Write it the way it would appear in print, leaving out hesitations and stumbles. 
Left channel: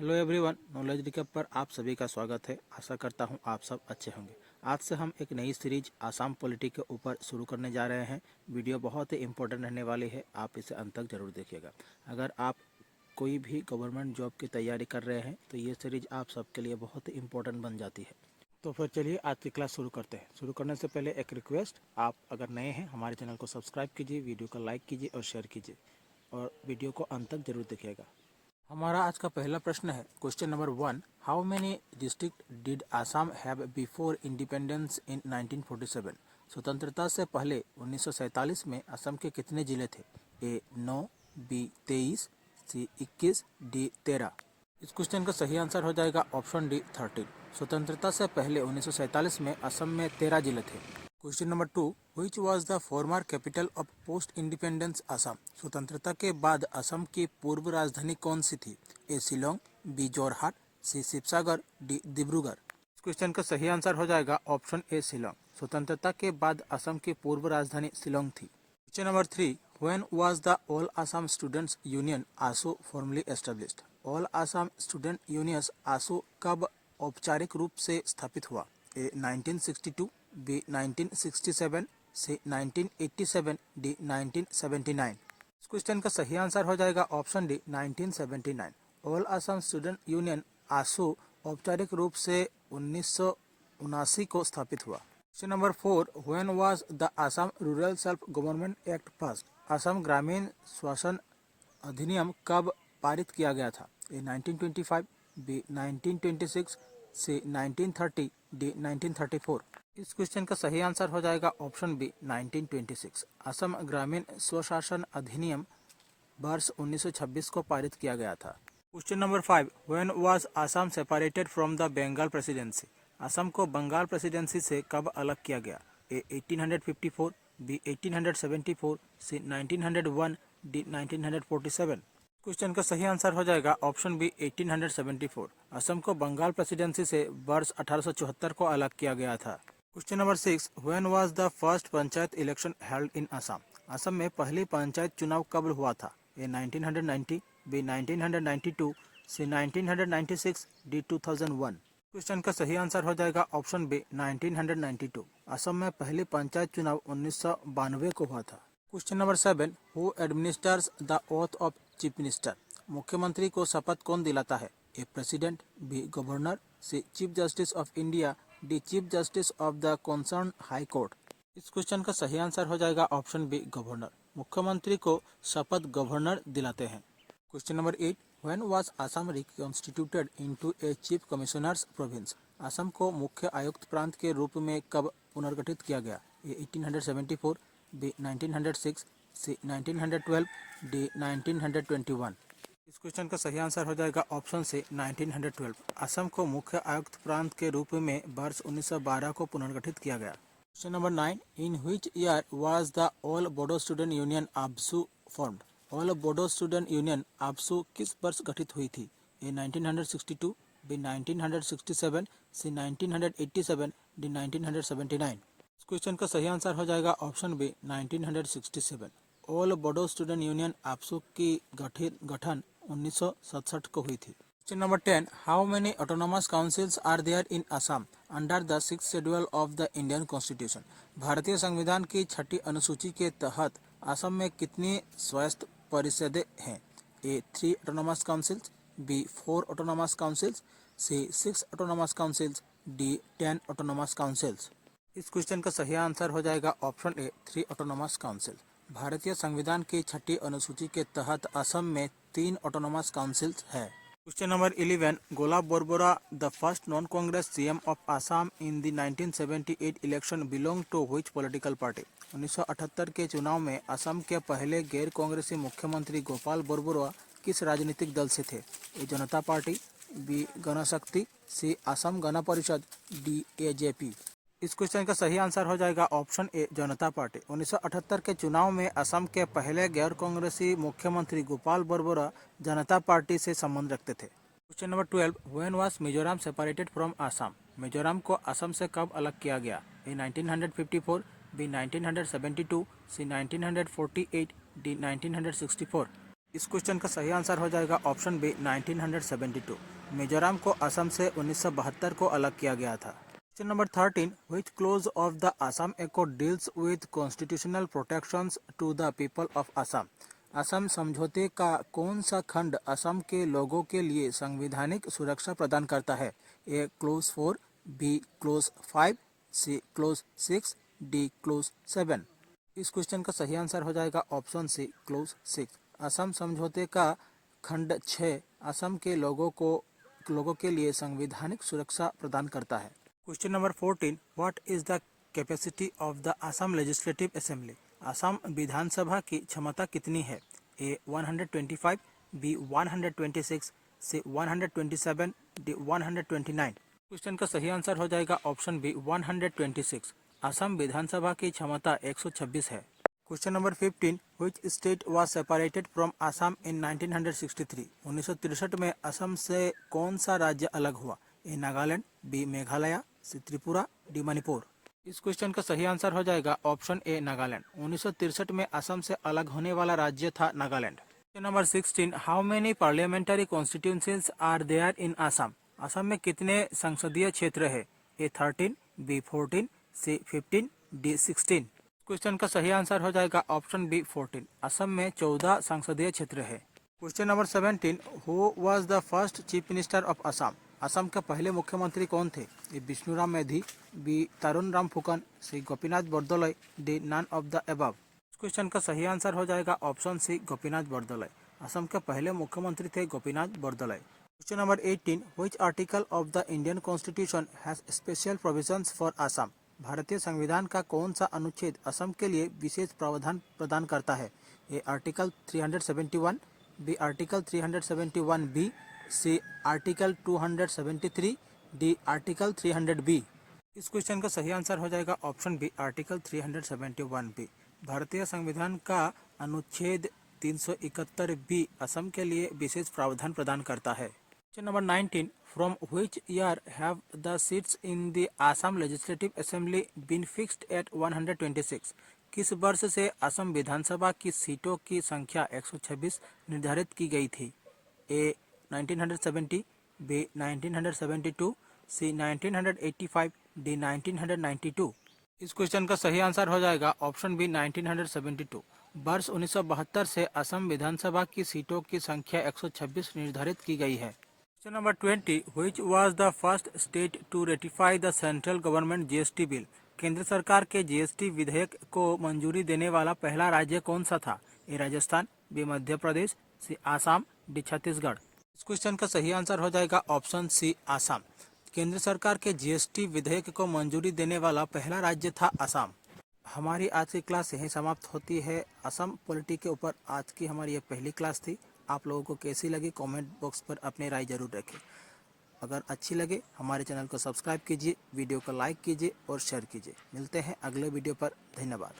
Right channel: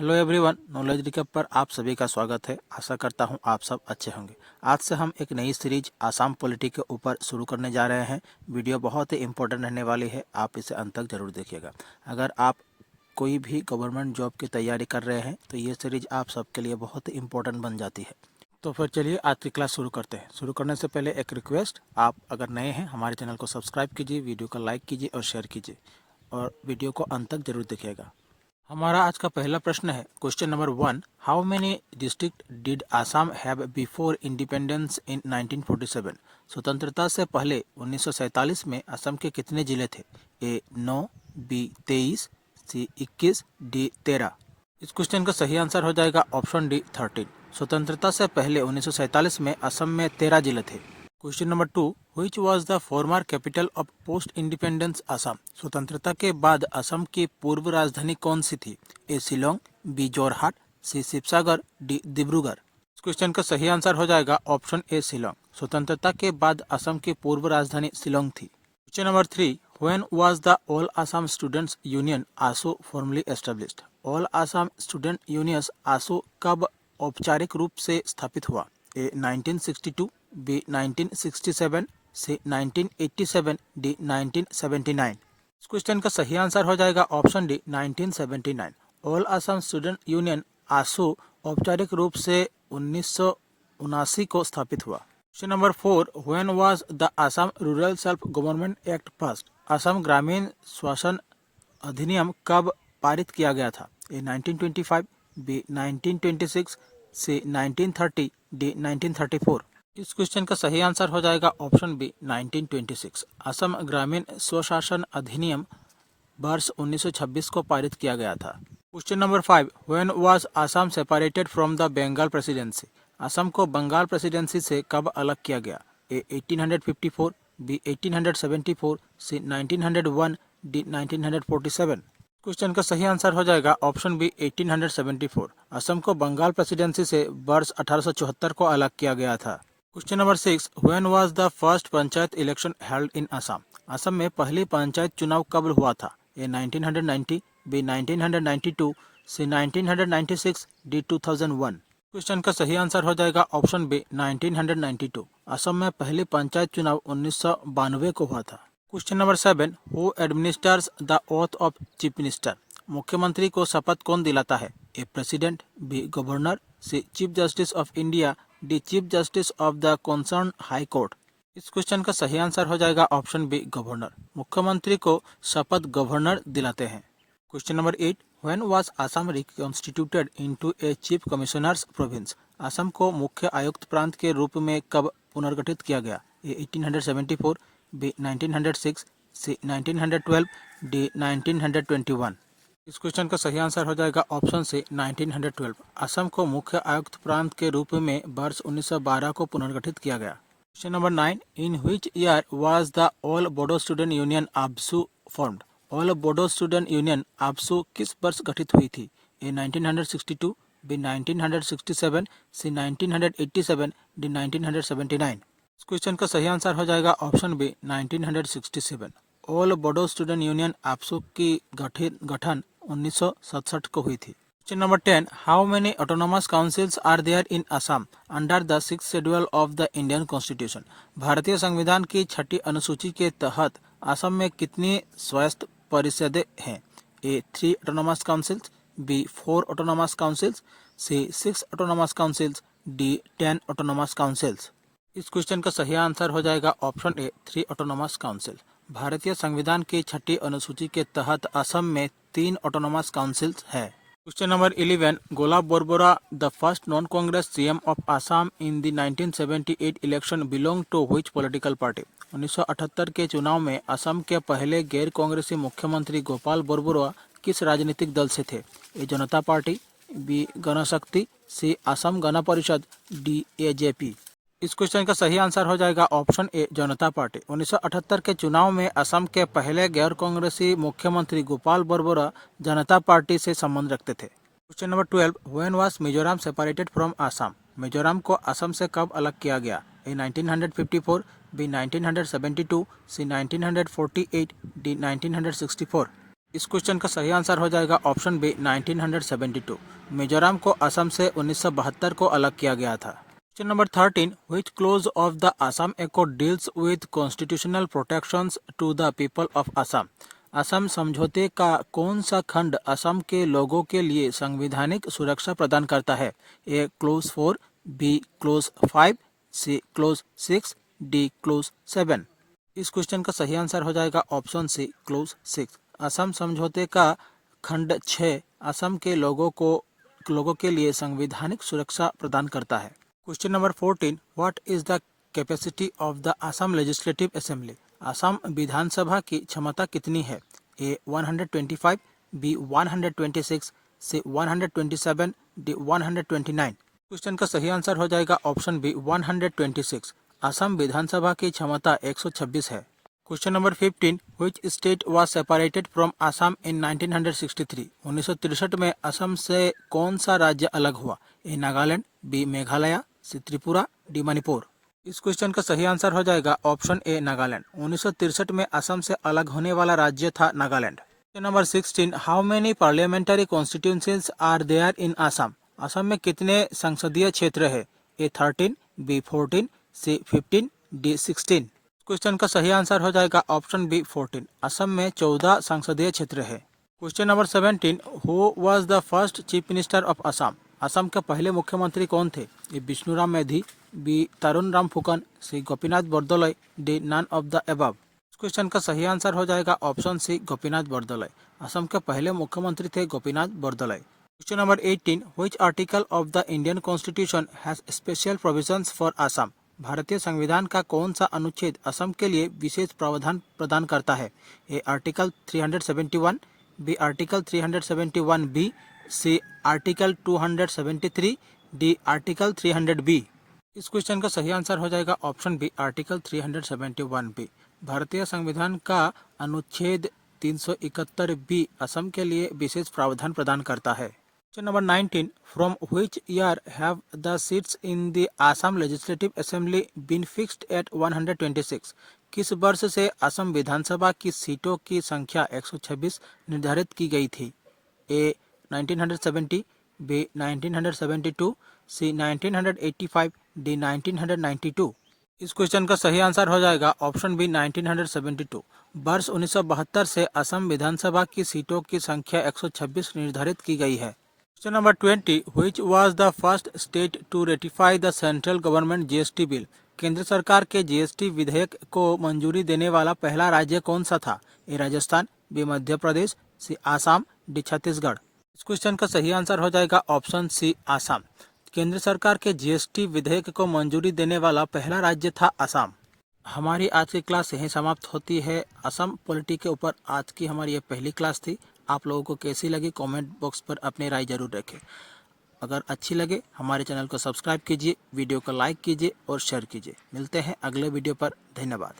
Hello everyone, knowledge recap पर आप सभी का स्वागत है। आशा करता हूं आप सब अच्छे होंगे। आज से हम एक नई सीरीज आसाम पॉलिटी के ऊपर शुरू करने जा रहे हैं। वीडियो बहुत ही इंपॉर्टेंट रहने वाली है, आप इसे अंत तक जरूर देखिएगा। अगर आप कोई भी गवर्नमेंट जॉब की तैयारी कर रहे हैं तो ये सीरीज आप सबके लिए बहुत ही इंपॉर्टेंट बन जाती है। तो फिर चलिए आज की क्लास शुरू करते हैं। शुरू करने से पहले एक रिक्वेस्ट, आप अगर नए हैं हमारे चैनल को सब्सक्राइब कीजिए, वीडियो को लाइक कीजिए और शेयर कीजिए और वीडियो को अंत तक जरूर देखिएगा। हमारा आज का पहला प्रश्न है question number 1। How many district did Assam have before independence in 1947? स्वतंत्रता से पहले 1947 में असम के कितने जिले थे? ए 9, बी 23, सी 21, डी 13। इस क्वेश्चन का सही आंसर हो जाएगा ऑप्शन डी 13। स्वतंत्रता से पहले 1947 में असम में 13 जिले थे। Question number 2। Which was the former capital of post independence Assam? स्वतंत्रता के बाद असम की पूर्व राजधानी कौन सी थी? ए शिलोंग, बी जोरहाट, सी शिवसागर, डी डिब्रूगढ़। इस क्वेश्चन का सही आंसर हो जाएगा ऑप्शन ए शिलोंग। स्वतंत्रता के बाद असम की पूर्व राजधानी शिलोंग थी। Question number 3। When was the all Assam students union AASU formally established? All Assam student union AASU कब औपचारिक रूप से स्थापित हुआ? A 1962, B 1967, C 1987, D 1979। इस क्वेश्चन का सही आंसर हो जाएगा option D 1979। All Assam student union AASU औपचारिक रूप से 1979 को स्थापित हुआ। Question number 4। When was the Assam rural self government act passed? Assam ग्रामीण शासन अधिनियम कब पारित किया गया था? ए 1925, बी 1926, सी 1930, डी 1934। इस क्वेश्चन का सही आंसर हो जाएगा ऑप्शन बी 1926। असम ग्रामीण स्वशासन अधिनियम वर्ष 1926 को पारित किया गया था। Question number 5। When was Assam separated from the Bengal presidency? Assam को बंगाल प्रेसिडेंसी से कब अलग किया गया? A 1854, B 1874, C 1901, D 1947। Question का सही आंसर हो जाएगा ऑप्शन बी 1874। असम को बंगाल प्रेसिडेंसी से वर्ष 1874 को अलग किया गया था। Question number 6। When was the first panchayat election held in Assam? Assam में पहली पंचायत चुनाव कब हुआ था? ए 1990, बी 1992, सी 1996, डी 2001। क्वेश्चन का सही आंसर हो जाएगा ऑप्शन बी 1992। असम में पहली पंचायत चुनाव 1992 को हुआ था। Question number 7। Who administers the oath of chief minister? मुख्यमंत्री को शपथ कौन दिलाता है? A president, B governor, C chief justice of India, D chief justice of the concern high court. इस क्वेश्चन का सही आंसर हो जाएगा ऑप्शन बी गवर्नर। मुख्यमंत्री को शपथ गवर्नर दिलाते हैं। Question number 8। When was Assam reconstituted into a chief commissioners province? Assam को मुख्य आयुक्त प्रांत के रूप में कब पुनर्गठित किया गया? ए 1874, बी 1906, सी 1912, डी 1921। इस क्वेश्चन का सही आंसर हो जाएगा ऑप्शन सी 1912। असम को मुख्य आयुक्त प्रांत के रूप में वर्ष 1912 को पुनर्गठित किया गया। Question number 9। In which year was the all Bodo student union ABSU formed? All Bodo student union ABSU किस वर्ष गठित हुई थी? A 1962, B 1967, C 1987, D 1979। इस क्वेश्चन का सही आंसर हो जाएगा option B 1967। All Bodo student union ABSU की गठन 1967 को हुई थी। Question number 10। How many autonomous councils are there in Assam under the 6th schedule of the Indian constitution? भारतीय संविधान की 6ठी अनुसूची के तहत असम में कितनी स्वायत्त परिषदें हैं? A 3 autonomous councils, B 4 autonomous councils, C 6 autonomous councils, D 10 autonomous councils. इस क्वेश्चन का सही आंसर हो जाएगा ऑप्शन ए 3 ऑटोनोमस काउंसिल। भारतीय संविधान की 6ठी अनुसूची के तहत असम में 3 ऑटोनोमस काउंसिल्स है। Question number 11। Golap Borbora the first non Congress CM of Assam in the 1978 election belong to which political party? 1978 के चुनाव में असम के पहले गैर कांग्रेसी मुख्यमंत्री गोपाल बोरबोरा किस राजनीतिक दल से थे? ए जनता पार्टी, बी गणशक्ति, सी असम गण परिषद, डी एजेपी। इस क्वेश्चन का सही आंसर हो जाएगा ऑप्शन ए जनता पार्टी। 1978 के चुनाव में असम के पहले गैर कांग्रेसी मुख्यमंत्री गोपाल बोरबोरा जनता पार्टी से संबंध रखते थे। Question number 12। When was Mizoram separated from Assam? Mizoram को असम से कब अलग किया गया? ए 1954, बी 1972, सी 1948, डी 1964। इस क्वेश्चन का सही आंसर हो जाएगा ऑप्शन बी 1972। मिजोरम को असम से 1972 को अलग किया गया था। Question number 13, which clause of the Assam accord deals with constitutional protections to the people of Assam. Assam समझौते का कौन सा खंड असम के लोगों के लिए संवैधानिक सुरक्षा प्रदान करता है? A clause 4, B clause 5, C clause 6, D clause 7। इस क्वेश्चन का सही आंसर हो जाएगा ऑप्शन सी क्लोज 6। असम समझौते का खंड 6 असम के लोगों के लिए संवैधानिक सुरक्षा प्रदान करता है। Question number 14, what is the capacity of the Assam legislative assembly. Assam विधानसभा की क्षमता कितनी है? A 125, B 126, C 127, D 129। Question का सही आंसर हो जाएगा ऑप्शन बी 126। असम विधानसभा की क्षमता 126 है। Question number 15, which state was separated from Assam in 1963। 1963 में असम से कौन सा राज्य अलग हुआ? ए नागालैंड, बी मेघालय, सी त्रिपुरा, डी मणिपुर। इस क्वेश्चन का सही आंसर हो जाएगा ऑप्शन ए नागालैंड। 1963 में असम से अलग होने वाला राज्य था Nagaland. Question number 16, how many parliamentary constituencies are there in Assam. Assam में कितने संसदीय क्षेत्र है? A 13, B 14, C 15, D 16। Question का सही आंसर हो जाएगा ऑप्शन बी 14। असम में 14 संसदीय क्षेत्र है। Question number 17, who was the first chief minister of Assam. Assam के पहले मुख्यमंत्री कौन थे? A Bishnuram Medhi, B Tarun Ram Phukan, C Gopinath Bordoloi, D none of the above. Question का सही आंसर हो जाएगा ऑप्शन सी गोपीनाथ बोरदोलई। असम के पहले मुख्यमंत्री थे Gopinath Bordoloi. Question number 18, which article of the Indian constitution has special provisions for Assam. भारतीय संविधान का कौन सा अनुच्छेद असम के लिए विशेष प्रावधान प्रदान करता है? A article 371, B article 371 B, C article 273, D article 300 B. इस क्वेश्चन का सही आंसर हो जाएगा ऑप्शन बी आर्टिकल 371 बी। भारतीय संविधान का अनुच्छेद 371 बी असम के लिए विशेष प्रावधान प्रदान करता है। Question number 19, from which year have the seats in the Assam legislative assembly been fixed at 126। किस वर्ष से असम विधानसभा की सीटों की संख्या 126 निर्धारित की गई थी? ए 1970, बी 1972, सी 1985, डी 1992। इस क्वेश्चन का सही आंसर हो जाएगा ऑप्शन बी 1972। वर्ष 1972 से असम विधानसभा की सीटों की संख्या 126 निर्धारित की गई है। Question number 20, which was the first state to ratify the central government GST bill. केंद्र सरकार के जीएसटी विधेयक को मंजूरी देने वाला पहला राज्य कौन सा था? ए राजस्थान, बी मध्य प्रदेश, सी आसाम, डी छत्तीसगढ़। इस क्वेश्चन का सही आंसर हो जाएगा ऑप्शन सी आसाम। केंद्र सरकार के जीएसटी विधेयक को मंजूरी देने वाला पहला राज्य था आसाम। हमारी आज की क्लास यहीं समाप्त होती है। असम पॉलिटी के ऊपर आज की हमारी ये पहली क्लास थी। आप लोगों को कैसी लगी कमेंट बॉक्स पर अपनी राय जरूर रखें। अगर अच्छी लगे हमारे चैनल को सब्सक्राइब कीजिए, वीडियो को लाइक कीजिए और शेयर कीजिए। मिलते हैं अगले वीडियो पर। धन्यवाद।